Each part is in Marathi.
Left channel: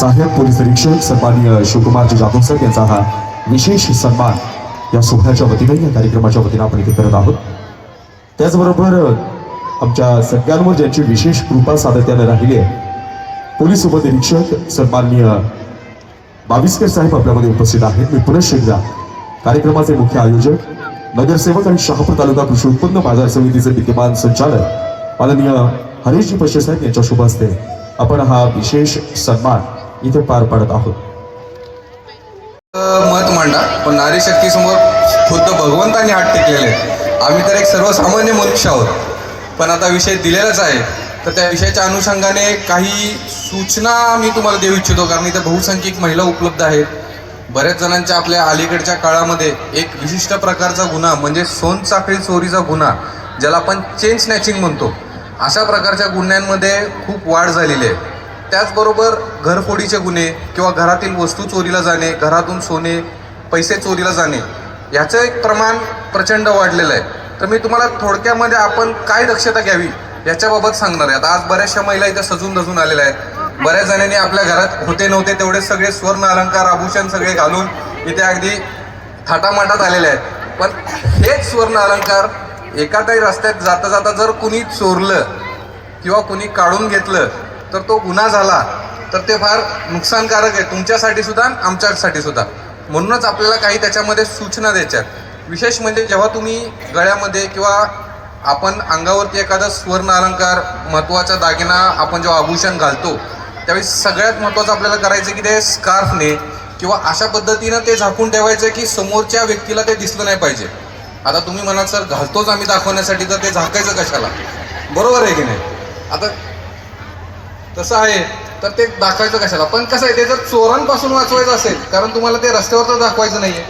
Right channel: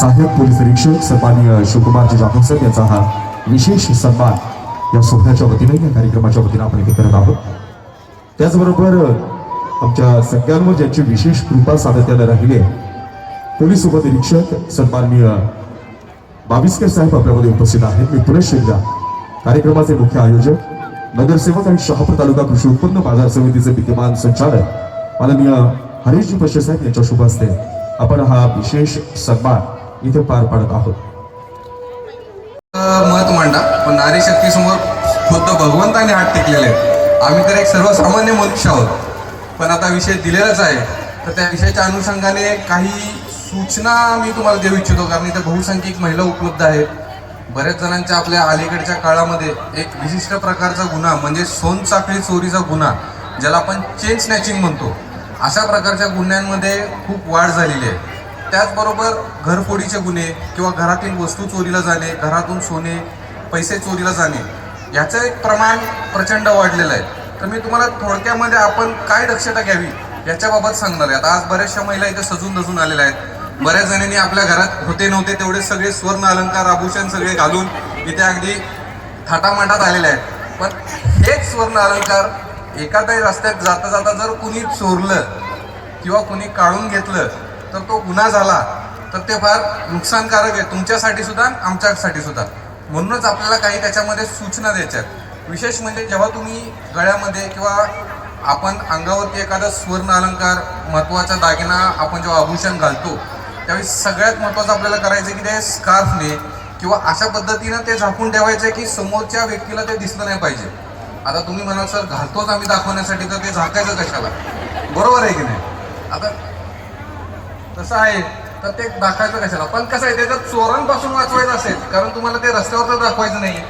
सहाय्यक पोलीस निरीक्षक सन्माननीय शिवकुमारजी जाधव सर यांचा हा विशेष सन्मान या सोहळ्याच्या वतीने या कार्यक्रमाच्या वतीनं आपण इथे करत आहोत. त्याचबरोबर आमच्या सगळ्यांवर ज्यांची विशेष कृपा सातत्यानं राहिली आहे पोलीस उपनिरीक्षक सन्माननीय बाविस्कर साहेब आपल्यामध्ये उपस्थित आहेत. मी पुनश एकदा कार्यक्रमाचे मुख्य आयोजक नगरसेवक आणि शहापूर तालुका कृषी उत्पन्न बाजार समितीचे विद्यमान संचालक माननीय हरीशजी पशे साहेब यांच्या शुभ हस्ते आपण हा विशेष सन्मान इथे पार पाडत आहोत. मत मांडा पण नारी शक्ती समोर खुद्द भगवंताने हात टेकलेले आहेत. आम्ही तर एक सर्वसामान्य मनुष्य आहोत. पण आता विषय दिलेलाच आहे. तर त्या विषयाच्या अनुषंगाने काही सूचना मी तुम्हाला देऊ इच्छितो कारण इथे बहुसंख्यक महिला उपलब्ध आहेत. बऱ्याच जणांच्या आपल्या अलीकडच्या काळामध्ये एक विशिष्ट प्रकारचा गुन्हा म्हणजे सोनचाखळी चोरीचा गुन्हा ज्याला आपण चेन स्नॅचिंग म्हणतो. अशा प्रकारच्या गुन्ह्यांमध्ये खूप वाढ झालेली आहे. त्याचबरोबर घरफोडीचे गुन्हे किंवा घरातील वस्तू चोरीला जाणे घरातून सोने पैसे चोरीला जाणे याचं एक प्रमाण प्रचंड वाढलेलं आहे. तर मी तुम्हाला थोडक्यामध्ये आपण काय दक्षता घ्यावी याच्याबाबत सांगणार आहे. आता आज बऱ्याचशा महिला इथं सजून धजून आलेल्या आहेत. बऱ्याच जणांनी आपल्या घरात होते नव्हते तेवढे सगळे स्वर्ण अलंकार आभूषण सगळे घालून इथे अगदी थाटामाटात आलेले आहेत. पण हेच स्वर्ण अलंकार एखाद्या रस्त्यात जाता जाता जर कुणी चोरलं किंवा कुणी काढून घेतलं तर तो गुन्हा झाला तर ते फार नुकसानकारक आहे. तुमच्यासाठी सुद्धा आमच्यासाठी सुद्धा. म्हणूनच आपल्याला काही त्याच्यामध्ये सूचना द्यायच्यात. विशेष म्हणजे जेव्हा तुम्ही गळ्यामध्ये किंवा आपण अंगावरती एखादा स्वर्ण अलंकार महत्त्वाचा दागिना आपण जेव्हा आभूषण घालतो त्यावेळी सगळ्यात महत्वाचं आपल्याला करायचं की ते स्कार्फने किंवा अशा पद्धतीनं ते झाकून ठेवायचं की समोरच्या व्यक्तीला ते दिसलं नाही पाहिजे. आता तुम्ही म्हणाल सर घालतोच आम्ही दाखवण्यासाठी तर ते झाकायचं कशाला? बरोबर आहे की नाही? आता तसं आहे. तर ते दाखवायचं कशाला? पण कसं आहे ते जर चोरांपासून वाचवायचं असेल कारण तुम्हाला ते रस्त्यावर तर दाखवायचं नाहीये.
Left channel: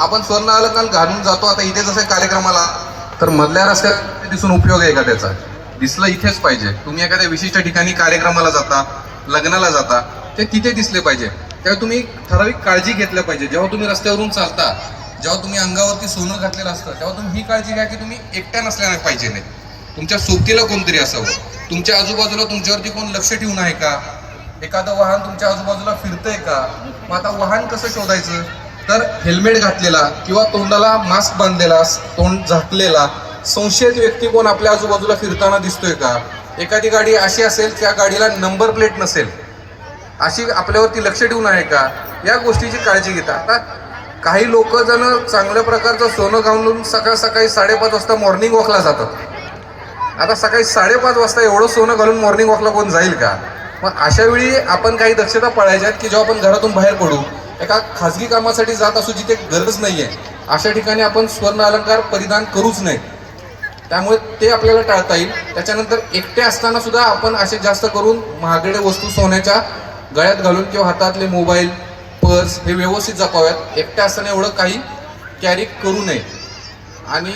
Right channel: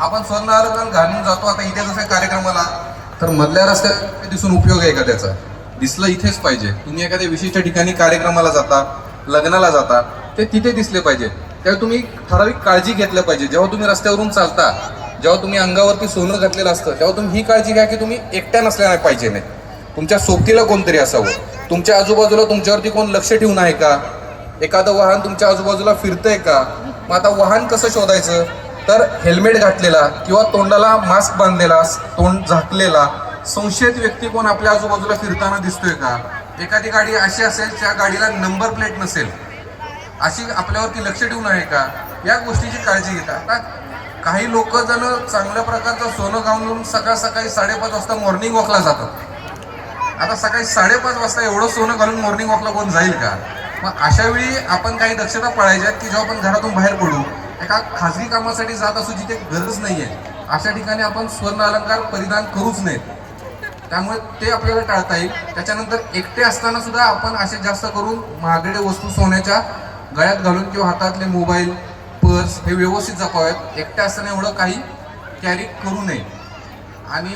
आपण स्वर्ण अलंकार घालून जातो आता इथे जसं कार्यक्रमाला. तर मधल्या रस्त्यात दिसून उपयोग आहे का त्याचा? दिसलं इथेच पाहिजे. तुम्ही एखाद्या विशिष्ट ठिकाणी कार्यक्रमाला जाता लग्नाला जाता ते तिथे दिसले पाहिजे. तेव्हा तुम्ही ठराविक काळजी घेतलं पाहिजे. जेव्हा तुम्ही रस्त्यावरून चालता जेव्हा तुम्ही अंगावरती सोनं घातलेलं असतं तेव्हा तुम्ही ही काळजी घ्या की तुम्ही एकट्या नसल्या पाहिजे नाही. तुमच्या सोबतीला कोणतरी असावं. तुमच्या आजूबाजूला तुमच्यावरती कोण लक्ष ठेवून आहे का? एखादं वाहन तुमच्या आजूबाजूला फिरतंय का? मग आता वाहन कसं शोधायचं? तर हेल्मेट घातलेला किंवा तोंडाला मास्क बांधलेला तोंड झाकलेला संशयित व्यक्ती कोण आपल्या आजूबाजूला फिरताना दिसतोय का? एखादी गाडी अशी असेल त्या गाडीला नंबर प्लेट नसेल. अशी आपल्यावरती लक्ष ठेवून आहे का? या गोष्टीची काळजी घेता. आता काही लोक जण चांगल्या प्रकारचं सोनं घालून सकाळ सकाळी साडेपाच वाजता मॉर्निंग वॉकला जातात. आता सकाळी साडेपाच वाजता एवढं सोनं घालून मॉर्निंग वॉकला कोण जाईल का? मग अशा वेळी आपण काही दक्षता पाळायच्या आहेत की जेव्हा आपण घरातून बाहेर पडू एका खाजगी कामासाठी जात असू जिथे गरज आहे अशा ठिकाणी आपण स्वर्ण अलंकार परिधान करूच नयेत त्यामुळे ते आपल्याला टाळता येईल. त्याच्यानंतर एकटे असताना सुद्धा आपण असे जास्त करून महागडे वस्तू सोन्याच्या गळ्यात घालून किंवा हातातले मोबाईल पर्स हे व्यवस्थित जपाव्यात. एकटे असताना एवढं काही कॅरी करू नये. आणि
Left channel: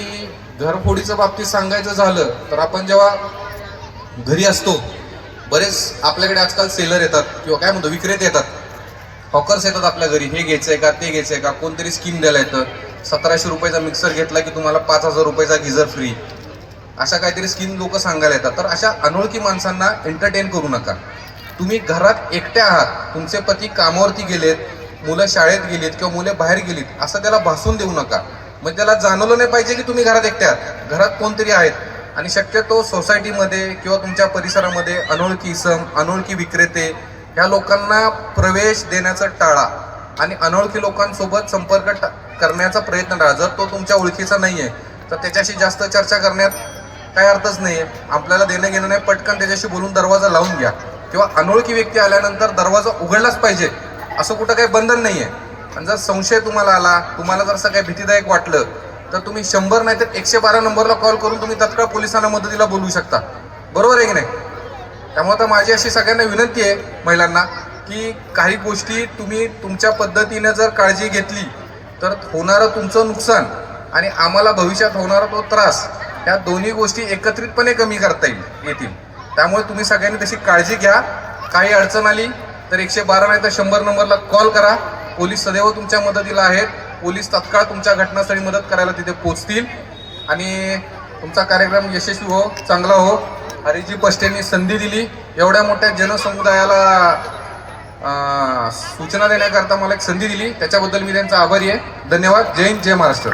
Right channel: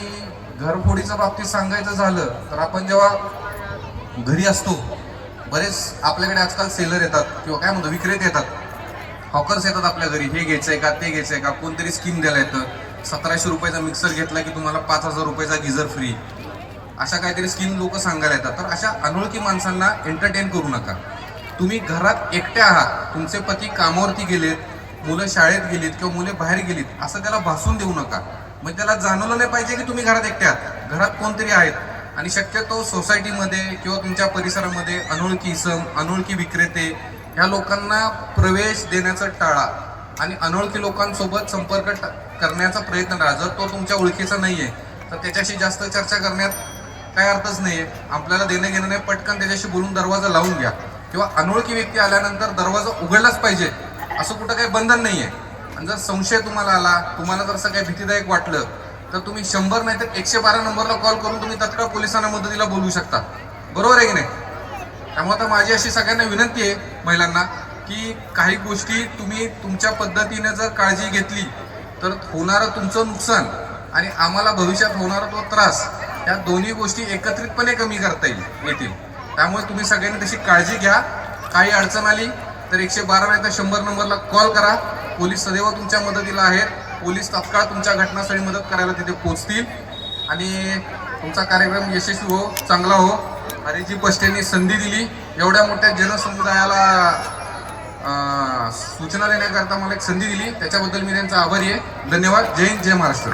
घरफोडीच्या बाबतीत सांगायचं झालं तर आपण जेव्हा घरी असतो बरेच आपल्याकडे आजकाल सेलर येतात किंवा काय म्हणतो विक्रेते येतात. हॉकर्स येतात आपल्या घरी हे घ्यायचंय का ते घ्यायचंय का कोणतरी स्कीम द्यायला येतं. सतराशे रुपयाचा मिक्सर घेतला की तुम्हाला पाच हजार रुपयाचा गिझर फ्री अशा काहीतरी स्कीम लोक सांगायला येतात. तर अशा अनोळखी माणसांना एंटरटेन करू नका. तुम्ही घरात एकट्या आहात तुमचे पती कामावरती गेलेत मुलं शाळेत गेलीत किंवा मुले बाहेर गेलीत असं त्याला भासून देऊ नका. मग त्याला जाणवलं नाही पाहिजे की तुम्ही घरात एकट्या घरात कोणतरी आहेत. आणि शक्यतो सोसायटीमध्ये किंवा तुमच्या परिसरामध्ये अनोळखी इसम अनोळखी विक्रेते ह्या लोकांना प्रवेश देण्याचं टाळा आणि अनोळखी लोकांसोबत संपर्क टा- करण्याचा प्रयत्न टाळा. जर तो तुमच्या ओळखीचा नाही आहे तर त्याच्याशी जास्त चर्चा करण्यात काही अर्थच नाही आहे आपल्याला देणं घेणं नाही पटकन त्याच्याशी बोलून दरवाजा लावून घ्या. किंवा अनोळखी व्यक्ती आल्यानंतर दरवाजा उघडलाच पाहिजे असं कुठं काही बंधन नाही आहे आणि जर संशय तुम्हाला आला तुम्हाला जर असं काही भीतीदायक वाटलं तर तुम्ही शंभर नाही तर एकशे बारा नंबरला कॉल करून तुम्ही तत्काळ पोलिसांना मदतीला बोलू शकता. बरोबर आहे की नाही? त्यामुळे आता माझी अशी सगळ्यांना विनंती आहे महिलांना की काही गोष्टी तुम्ही तुमच्या पद्धतीने जर काळजी घेतली तर होणारं तुमचं नुकसान आणि आम्हाला भविष्यात होणारा तो त्रास या दोन्ही गोष्टी एकत्रितपणे कमी करता येईल येतील. त्यामुळे तुम्ही सगळ्यांनी तशी काळजी घ्या. काही अडचण आली तर एकशे बारा नाही तर शंभर नंबरला कॉल करा. पोलीस सदैव तुमच्या मदतीला आहेत. पोलीस तात्काळ तुमच्या घटनास्थळी मदत करायला तिथे पोचतील. आणि तुमचा कार्यक्रम यशस्वी हो चांगला हो. हरिजी पष्टेंनी संधी दिली. एवढ्या मोठ्या जनसमुदायाला सूचना देण्याकरता मला एक संधी दिली. त्याच्याबद्दल मी त्यांचा आभारी आहे. धन्यवाद. जय हिंद जय महाराष्ट्र.